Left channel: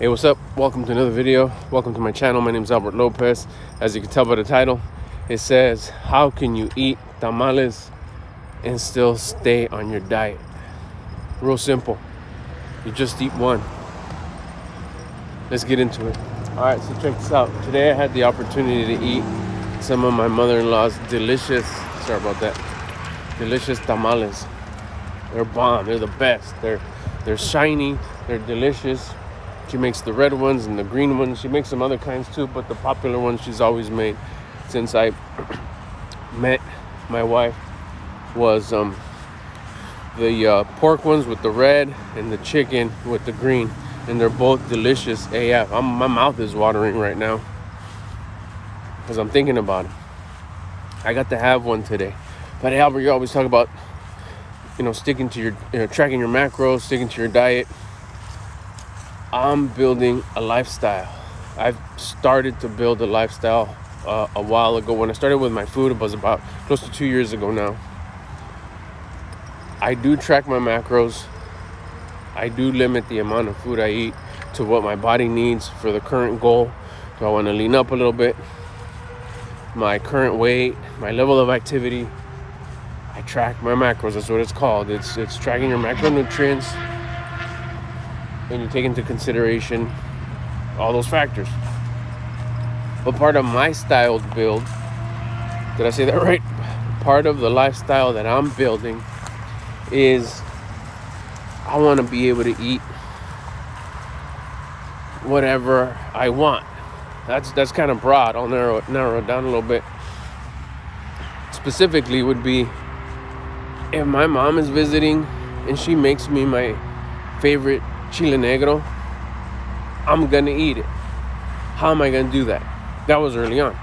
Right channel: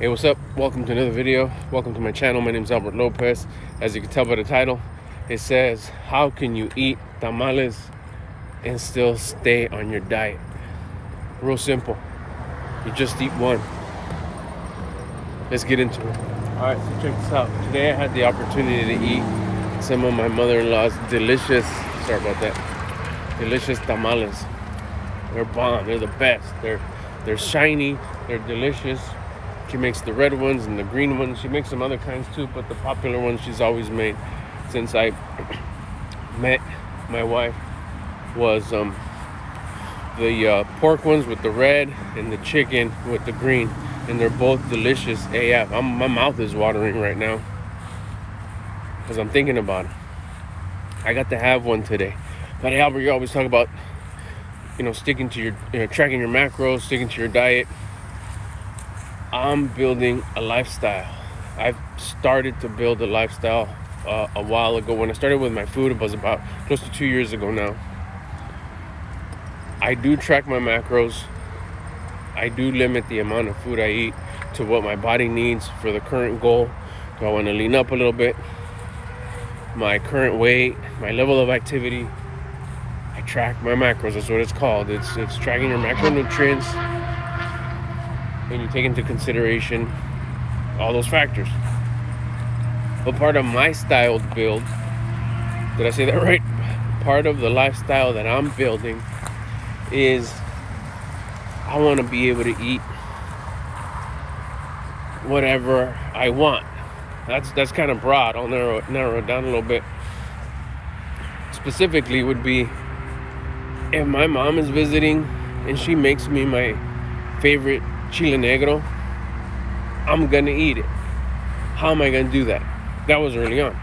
Hey, what's up? Welcome to another video. Welcome to my channel. My name is Albert Lopez. As you can tell by the title, it says, how can you eat tamales and still stay on your diet? Real simple. You just eat one. Let's get into it. All right, so check this out. Today I had the opportunity to eat some of my mother-in-law's delicious tamales. They're bomb. They're the best. They're shiny. They're delicious. She makes the red ones and the green ones. She makes some other kinds too, but the popular ones she's always made since I met my wife was the pork ones with the red and the chicken with the green, and they're both delicious AF. My mouth is watering right now because I'm thinking about it. I got to have one today. But hey, Albert, you always talk about sticking to your tracking your macros, sticking to your diet. I'm building a lifestyle. I've started to build a lifestyle a while ago. When I started with my food, it was about close to 2 years ago now. I do track my macros. I do limit the amount of food I eat to what my body needs for the current goal. Do I want to lean up a little bit? My current weight, my level of activity. I track my macros. That's what it's called. It's tracking your macronutrients. And you take into consideration all those factors. But part of my styled build, did I say that right? Part of the lifestyle that I'm building is I want to be able to eat whatever I want. That's kind of broad. I'll narrow it down a little bit. Specifically would be if my mom is visiting and she makes me my favorite chile negro, I'm gonna eat it. How am I gonna do that? That was early on.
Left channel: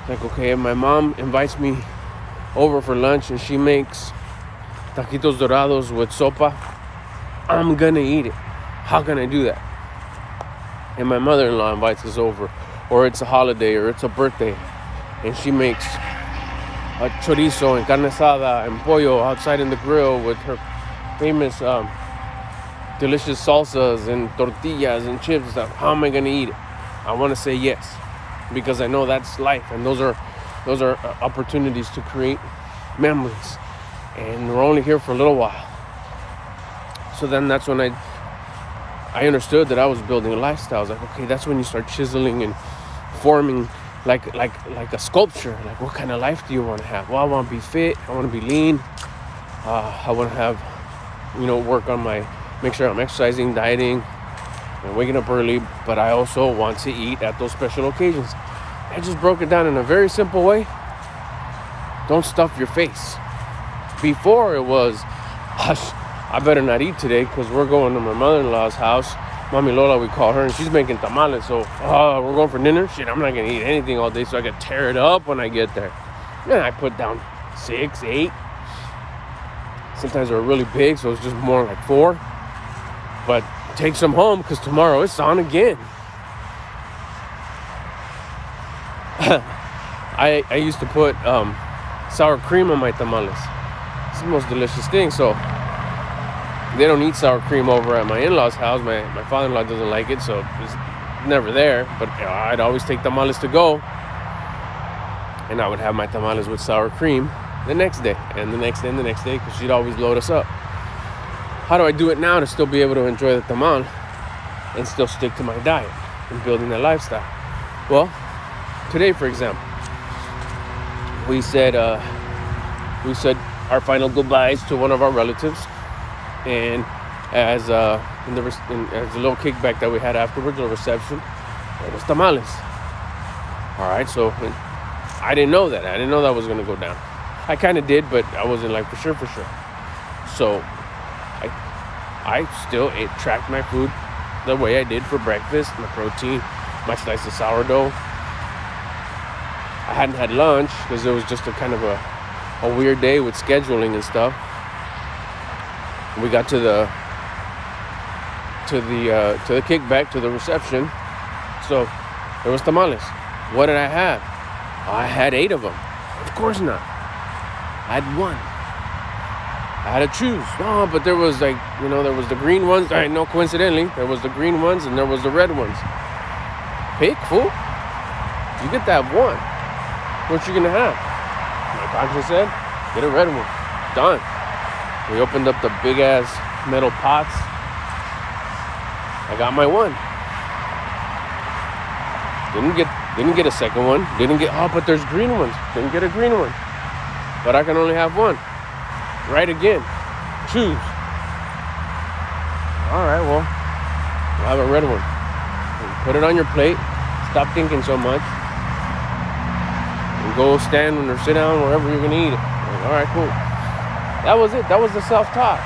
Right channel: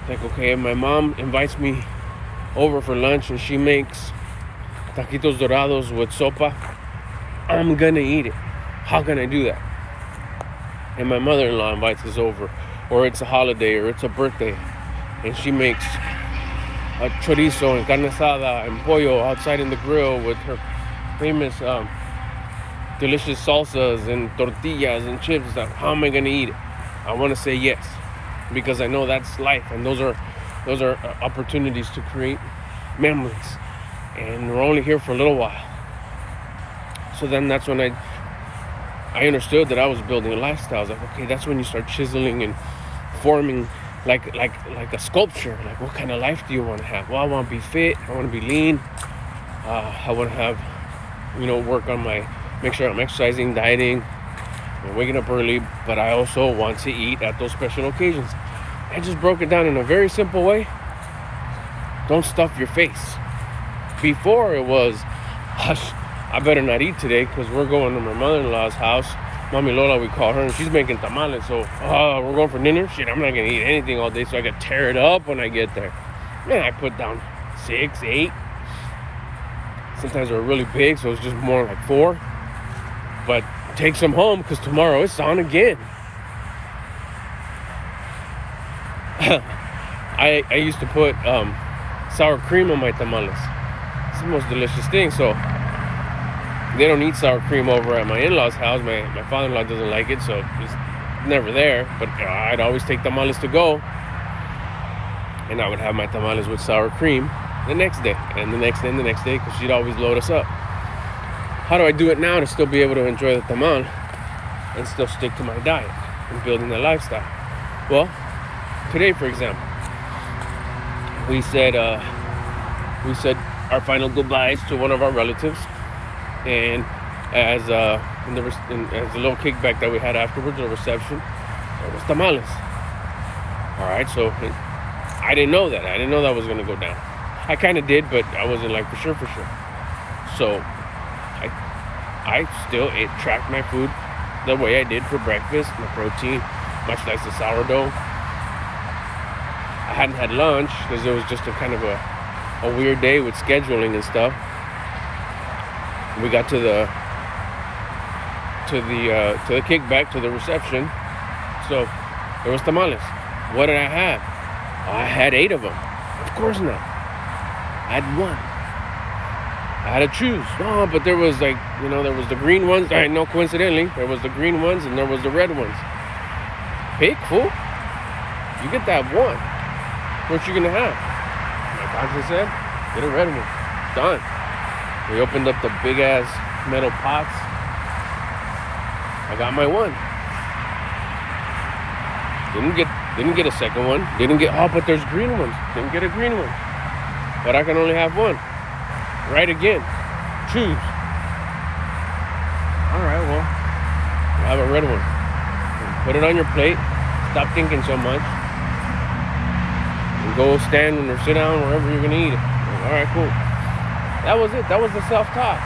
It's like, okay, if my mom invites me over for lunch and she makes taquitos dorados with sopa, I'm gonna eat it. How can I do that? And my mother-in-law invites us over, or it's a holiday, or it's a birthday, and she makes a chorizo and carne asada and pollo outside in the grill with her famous delicious salsas and tortillas and chips. How am I gonna eat it? I want to say yes, because I know that's life, and those are opportunities to create memories, and we're only here for a little while. So then that's when I understood that I was building a lifestyle. I was like, okay, that's when you start chiseling and forming like a sculpture. Like, what kind of life do you want to have? Well, I want to be fit. I want to be lean. I want to have, work on make sure I'm exercising, dieting, and waking up early. But I also want to eat at those special occasions. I just broke it down in a very simple way. Don't stuff your face. Before it was, hush, I better not eat today because we're going to my mother-in-law's house. Mami Lola, we call her, and she's making tamales. So, we're going for dinner? Shit, I'm not going to eat anything all day so I can tear it up when I get there. And I put down 6, 8. Sometimes they were really big, so it's just more like 4. But take some home because tomorrow it's on again. I used to put sour cream on my tamales. It's the most delicious thing. So they don't eat sour cream over at my in-laws' house. My father-in-law doesn't like it, so it's never there. But I'd always take tamales to go, and I would have my tamales with sour cream the next day, and the next day, and the next day, because he'd always load us up. How do I do it now to still be able to enjoy the tamal and still stick to my diet and building the lifestyle? Well, today, for example, we said our final goodbyes to one of our relatives, and as a little kickback that we had afterwards, a reception, it was tamales. All right, so I didn't know that. I didn't know that was going to go down. I kind of did, but I wasn't like for sure. So I still tracked my food the way I did for breakfast, my protein, my slice of sourdough. I hadn't had lunch because it was just a kind of a weird day with scheduling and stuff. We got to the kickback, to the reception. So there was tamales. What did I have? I had 8 of them. Of course not. I had 1. I had to choose. No, but there was like, there was the green ones. I know, coincidentally, there was the green ones and there was the red ones. Pick, fool. You get that one. What you gonna have? My doctor said, get a red one. Done. We opened up the big ass metal pots. I got my one. Didn't get a second one. But there's green ones. Didn't get a green one. But I can only have one. Right again. Choose. Alright, well, I have a red one. Put it on your plate. Stop thinking so much. And go stand or sit down wherever you're gonna eat it. Alright, cool. That was it. That was the self-talk.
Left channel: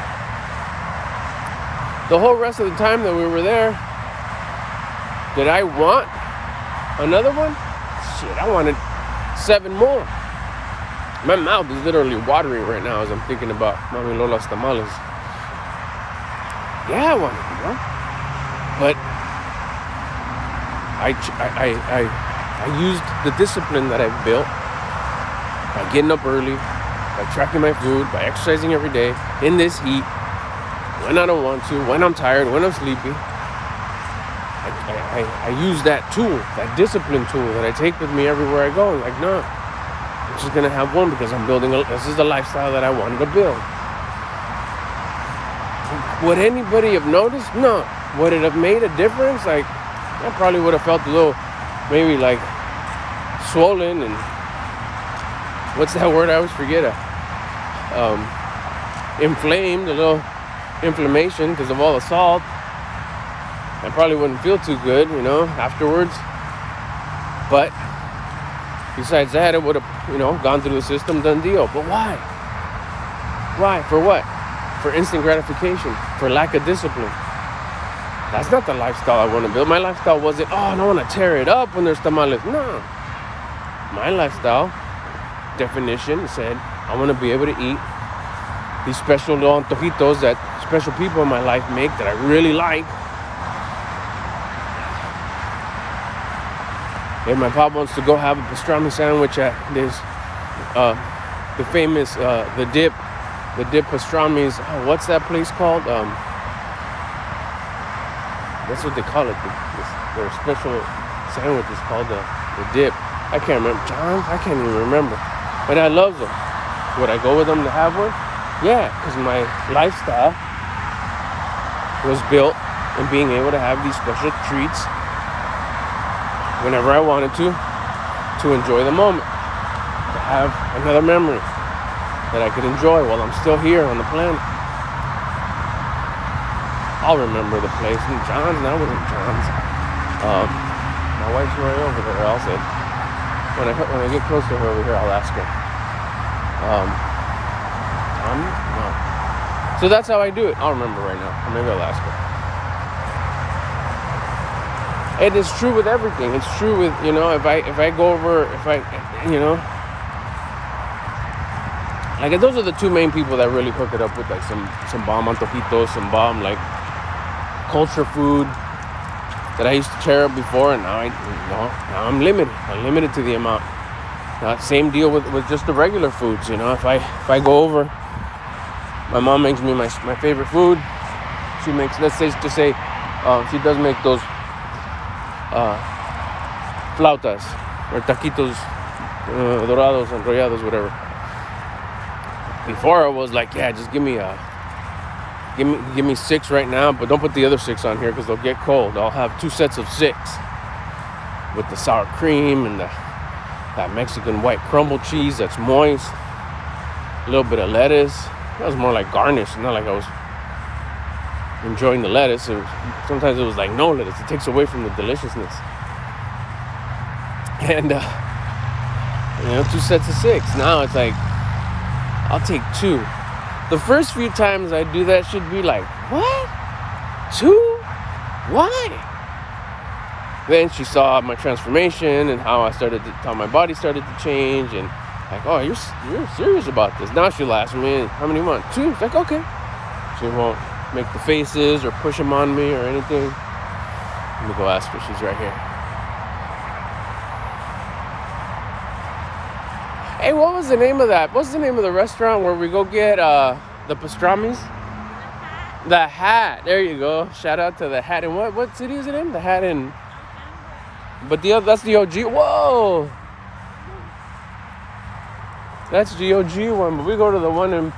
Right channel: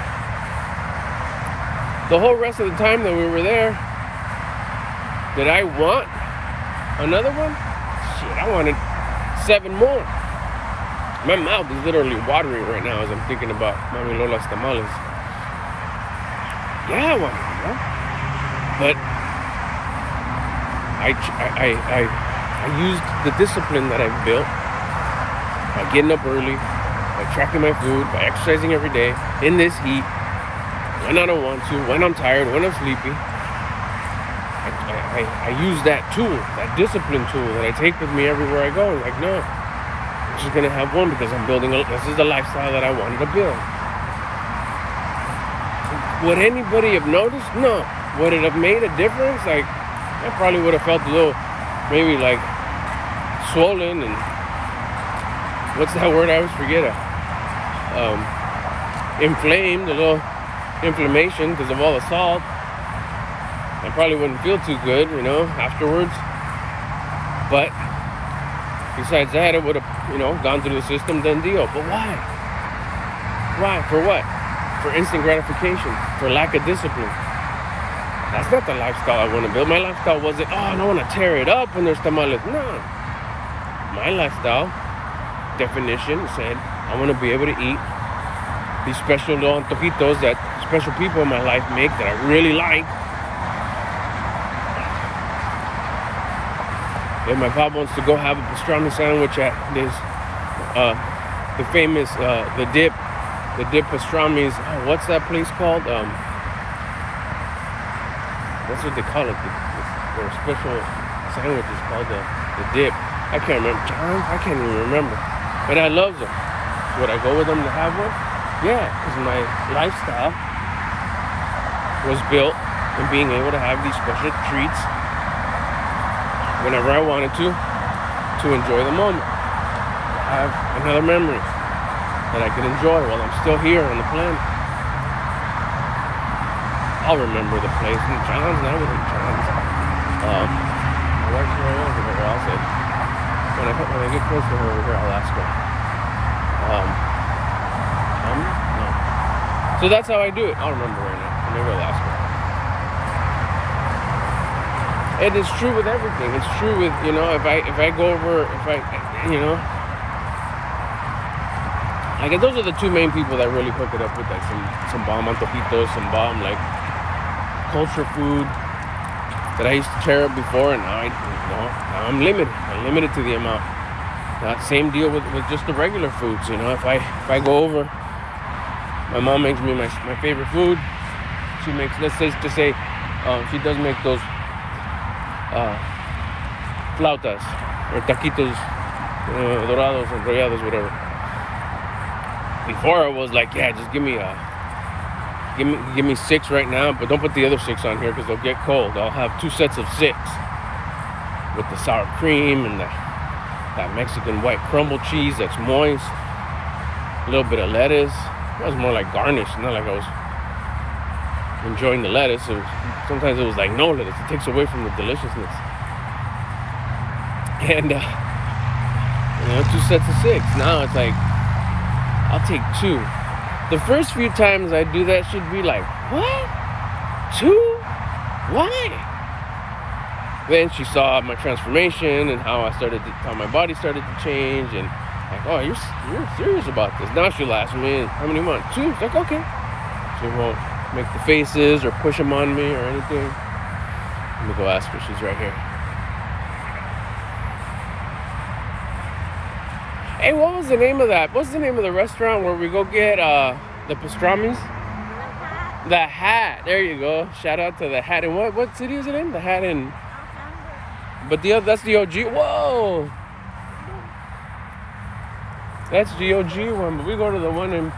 The whole rest of the time that we were there, did I want another one? Shit, I wanted 7 more. My mouth is literally watering right now as I'm thinking about Mami Lola's tamales. Yeah, I wanted more. But I used the discipline that I've built by getting up early, by tracking my food, by exercising every day in this heat, when I don't want to, when I'm tired, when I'm sleepy. I use that tool, that discipline tool that I take with me everywhere I go. Like, no, I'm just gonna have one because I'm building this is the lifestyle that I wanted to build. Would anybody have noticed? No. Would it have made a difference? Like, I probably would have felt a little, maybe like swollen and what's that word? I always forget it. Inflamed, a little inflammation because of all the salt. I probably wouldn't feel too good, afterwards. But besides that, it would have, gone through the system, done deal. But why? Why? For what? For instant gratification, for lack of discipline. That's not the lifestyle I want to build. My lifestyle wasn't, I don't want to tear it up when there's tamales. No. My lifestyle definition said, I want to be able to eat these special little antojitos that special people in my life make that I really like. If my pop wants to go have a pastrami sandwich at this, the famous, the dip pastramis. Oh, what's that place called? What's what they call it? Their special sandwich is called the dip. I can't remember. John? I can't even remember. And I love them. Would I go with them to have one? Yeah, because my lifestyle was built in being able to have these special treats whenever I wanted to enjoy the moment, to have another memory that I could enjoy while I'm still here on the planet. I'll remember the place. And John's, now we're in John's. My wife's right over there. Also, when I get close to her over here, I'll ask her. No. So that's how I do it. I'll remember right now. Maybe I'll ask her. And it's true with everything. It's true with, if I go over, like those are the two main people that really hook it up with like some bomb antojitos, some bomb like culture food that I used to tear up before, and now I'm limited. I'm limited to the amount. Same deal with just the regular foods. If I go over, my mom makes me my favorite food. She makes, let's say, she does make those flautas or taquitos dorados, enrollados, whatever. Before I was like, yeah, just give me 6 right now, but don't put the other 6 on here because they'll get cold. I'll have 2 sets of 6 with the sour cream and that Mexican white crumble cheese that's moist, a little bit of lettuce. That was more like garnish, not like I was enjoying the lettuce. Sometimes it was like no lettuce. It takes away from the deliciousness. And 2 sets of 6. Now it's like I'll take 2. The first few times I do that should be like, what? 2? Why? Then she saw my transformation and how my body started to change, and like, oh, you're serious about this. Now she'll ask me, how many months? 2. It's like, okay. She won't make the faces or push them on me or anything. Let me go ask her. She's right here. Hey, what was the name of that? What's the name of the restaurant where we go get The pastrami's? The Hat. There you go. Shout out to the Hat. And what city is it in? The Hat in. But that's the OG. Whoa. That's the OG one. But we go to the one in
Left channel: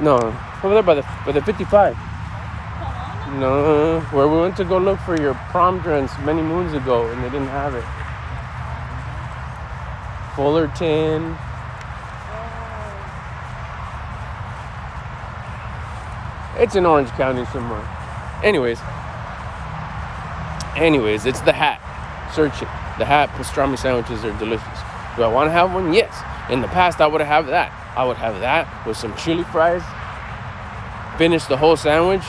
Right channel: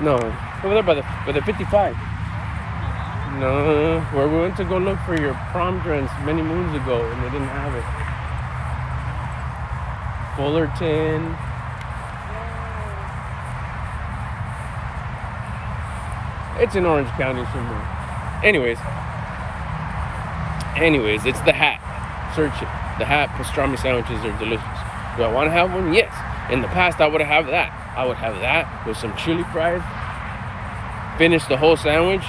no, over there by the 55. No, where we went to go look for your prom dress many moons ago, and they didn't have it. Fullerton. It's in Orange County somewhere. Anyways, it's the Hat. Search it. The Hat pastrami sandwiches are delicious. Do I want to have one? Yes. In the past, I would have that. I would have that with some chili fries, finish the whole sandwich,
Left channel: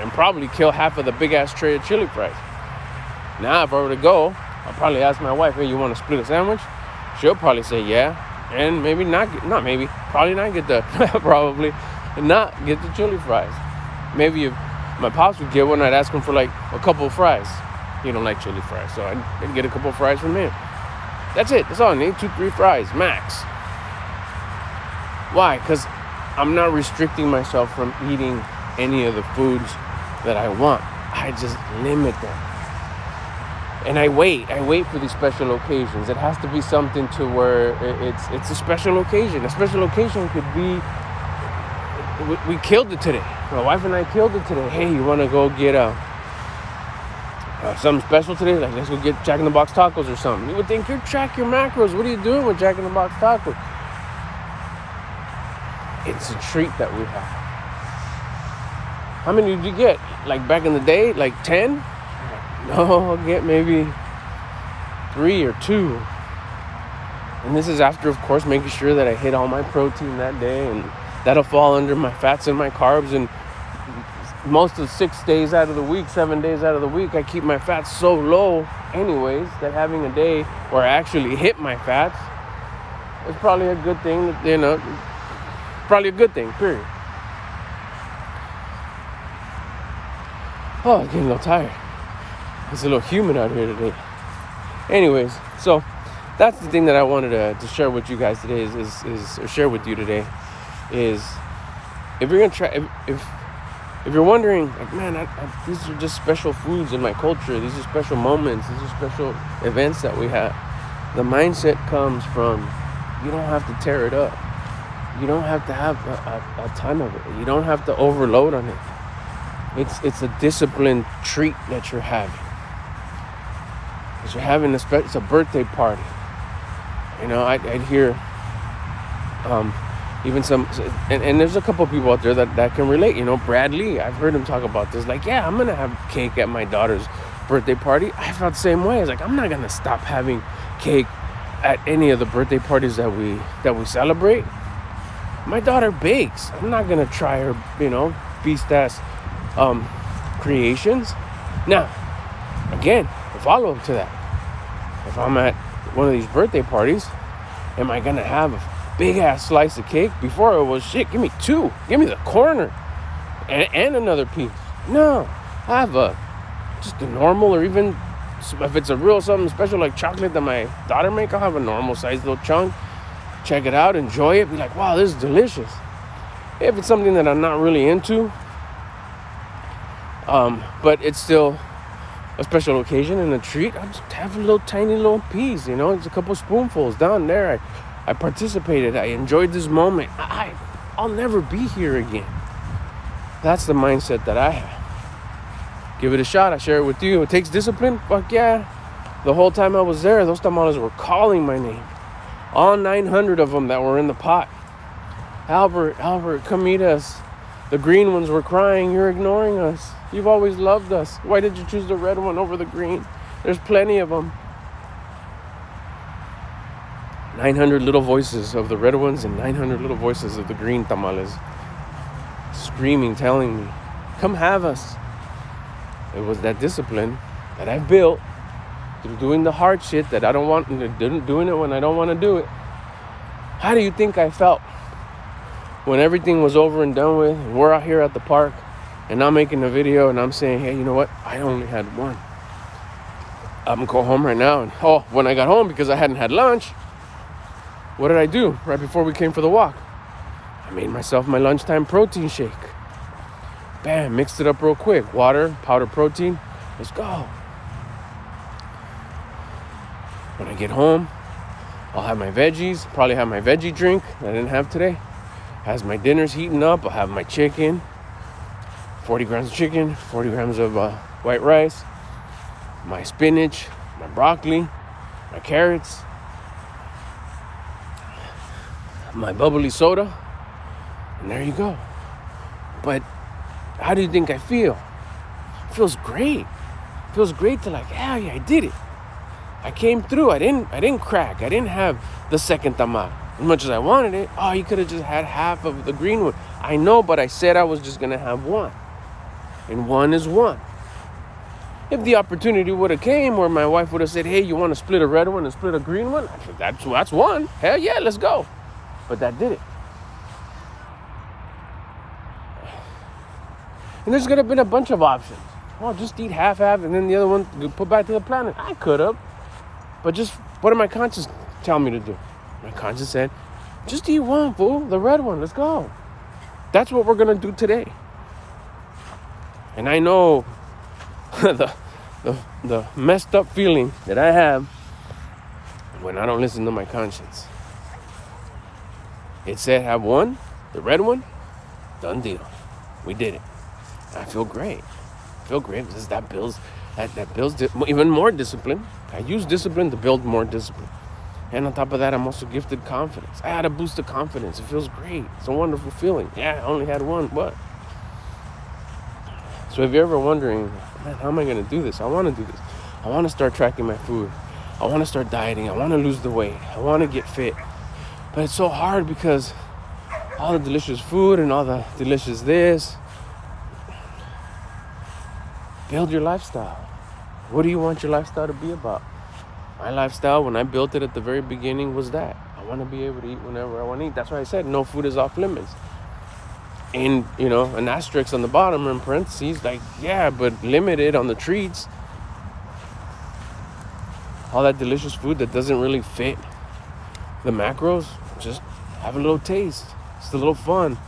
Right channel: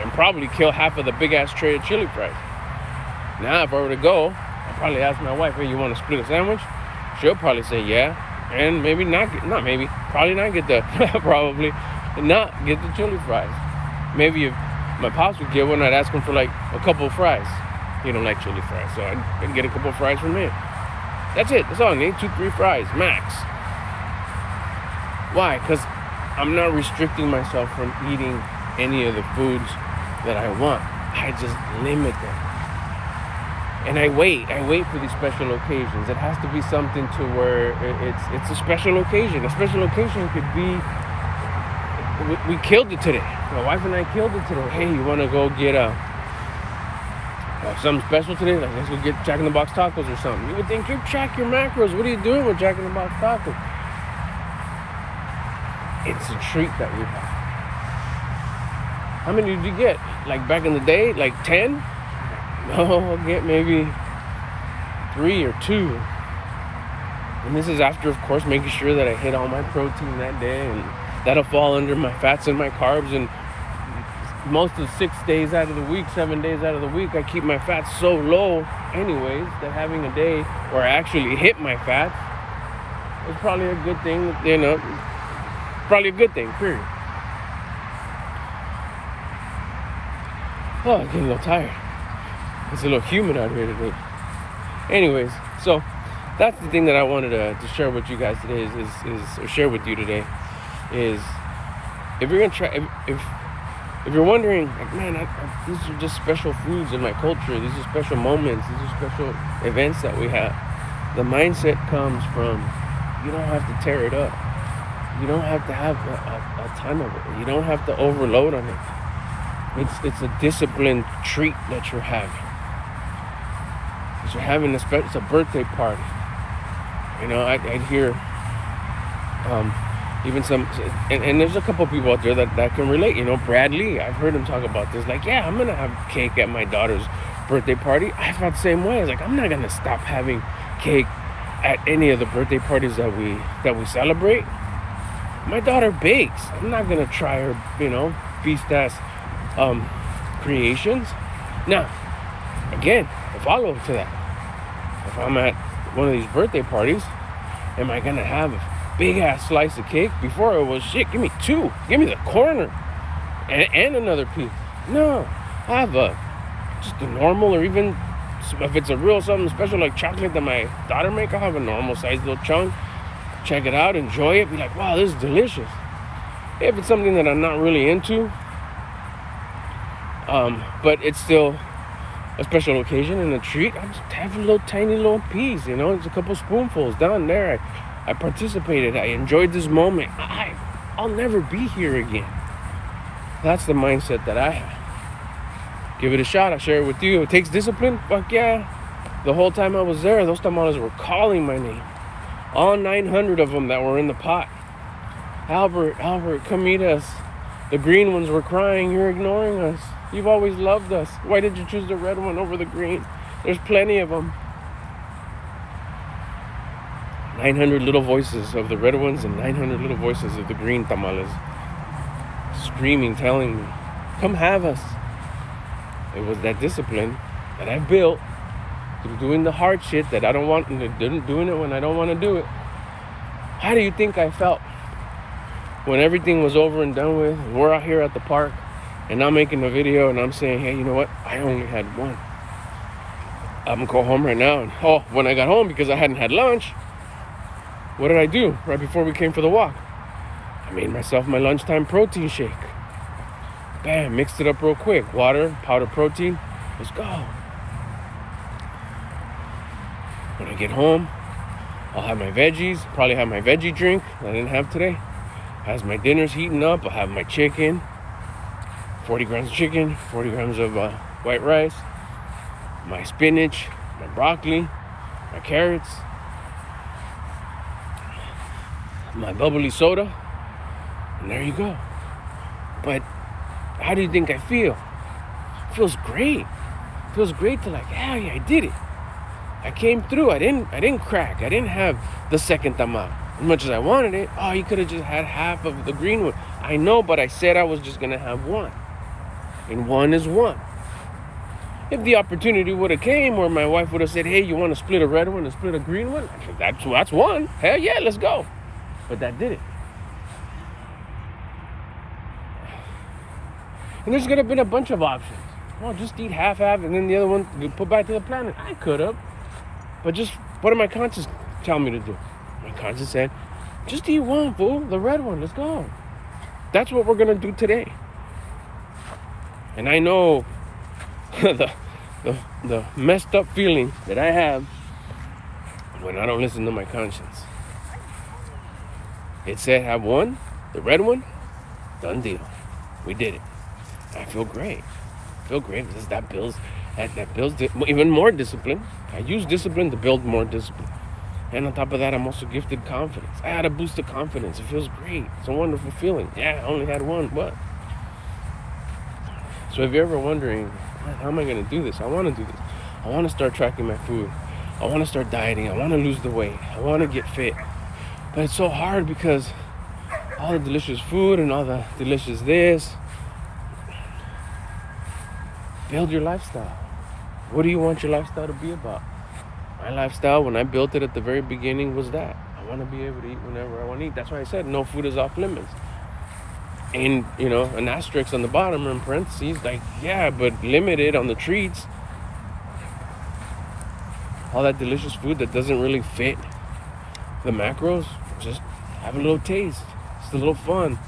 and probably kill half of the big-ass tray of chili fries. Now, if I were to go, I'll probably ask my wife, hey, you want to split a sandwich? She'll probably say yeah. And maybe probably not get the chili fries. Maybe if my pops would get one, I'd ask him for like a couple of fries. He don't like chili fries, so I can get a couple of fries from him. That's it. That's all I need. 2-3 fries, max. Why? Because I'm not restricting myself from eating any of the foods that I want. I just limit them. And I wait for these special occasions. It has to be something to where it's a special occasion. A special occasion could be, we killed it today. My wife and I killed it today. Hey, you want to go get something special today? Like, let's go get Jack in the Box tacos or something. You would think, you track your macros. What are you doing with Jack in the Box tacos? It's a treat that we have. How many did you get? Like back in the day? Like 10? No, I'll get maybe 3 or 2. And this is after, of course, making sure that I hit all my protein that day. And that'll fall under my fats and my carbs. And most of 6 days out of the week, 7 days out of the week, I keep my fats so low anyways that having a day where I actually hit my fats is probably a good thing, probably a good thing, period. Oh, I'm getting a little tired. It's a little humid out here today. Anyways, so that's the thing that I wanted to share with you guys today or share with you today is if you're gonna try, if you're wondering, like, man, these are just special foods in my culture. These are special moments. These are special events that we have. The mindset comes from you don't have to tear it up. You don't have to have a ton of it. You don't have to overload on it. It's a disciplined treat that you're having. You're having it's a birthday party. I'd hear even some, and there's a couple people out there that can relate. Bradley, I've heard him talk about this. Like, yeah, I'm gonna have cake at my daughter's birthday party. I felt the same way. It's like, I'm not gonna stop having cake at any of the birthday parties that we celebrate. My daughter bakes. I'm not gonna try her, beast ass creations. Now, again, the follow-up to that. If I'm at one of these birthday parties, am I gonna have a big ass slice of cake? Before it was, shit, give me 2. Give me the corner and another piece. No, I have just a normal, or even if it's a real something special like chocolate that my daughter make, I'll have a normal sized little chunk. Check it out, enjoy it, be like, wow, this is delicious. If it's something that I'm not really into, but it's still a special occasion and a treat, I'll just have a little tiny little piece, it's a couple spoonfuls down there. I participated, I enjoyed this moment. I'll never be here again. That's the mindset that I have. Give it a shot. I share it with you. It takes discipline. Fuck yeah. The whole time I was there, those tamales were calling my name. All 900 of them that were in the pot. Albert, come meet us. The green ones were crying. You're ignoring us. You've always loved us. Why did you choose the red one over the green? There's plenty of them. 900 little voices of the red ones and 900 little voices of the green tamales. Screaming, telling me, come have us. It was that discipline that I built through doing the hard shit that I don't want, doing it when I don't want to do it. How do you think I felt when everything was over and done with, and we're out here at the park, and I'm making a video, and I'm saying, hey, you know what? I only had one. I'm going to go home right now. And when I got home, because I hadn't had lunch, what did I do right before we came for the walk? made myself my lunchtime protein shake. Bam, mixed it up real quick. Water, powder protein, let's go. When I get home, I'll have my veggies, probably have my veggie drink I didn't have today. As my dinner's heating up, I'll have my chicken, 40 grams of chicken, 40 grams of white rice, my spinach, my broccoli, my carrots, my bubbly soda, and there you go. But how do you think I feel? It feels great. It feels great to like, yeah, I did it. I came through. I didn't crack. I didn't have the second tamal. As much as I wanted it, you could have just had half of the green one. I know, but I said I was just gonna have one. And one is one. If the opportunity would have came where my wife would have said, hey, you want to split a red one and split a green one? I said, that's one. Hell yeah, let's go. But that did it. And there's gonna have been a bunch of options. Just eat half, and then the other one you put back to the planet. I could have. But just, what did my conscience tell me to do? My conscience said, just eat one, fool. The red one, let's go. That's what we're gonna do today. And I know the messed up feeling that I have when I don't listen to my conscience. It said have one, the red one, done deal. We did it. I feel great. I feel great because that builds even more discipline. I use discipline to build more discipline. And on top of that, I'm also gifted confidence. I had a boost of confidence. It feels great. It's a wonderful feeling. Yeah, I only had one, but. So if you're ever wondering, man, how am I going to do this? I want to do this. I want to start tracking my food. I want to start dieting. I want to lose the weight. I want to get fit. But it's so hard because all the delicious food and all the delicious this. Build your lifestyle. What do you want your lifestyle to be about? My lifestyle, when I built it at the very beginning, was that. I want to be able to eat whenever I want to eat. That's why I said no food is off limits. And, an asterisk on the bottom in parentheses, like, yeah, but limited on the treats. All that delicious food that doesn't really fit the macros, just have a little taste. It's a little fun.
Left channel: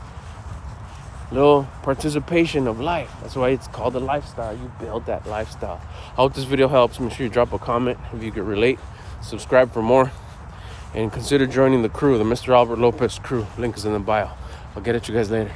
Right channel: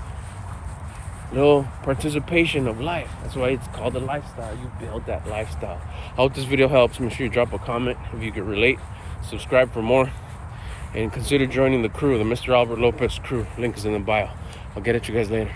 Little participation of life. That's why it's called a lifestyle. You build that lifestyle. I hope this video helps. Make sure you drop a comment if you could relate. Subscribe for more. And consider joining the crew, the Mr. Albert Lopez crew. Link is in the bio. I'll get at you guys later.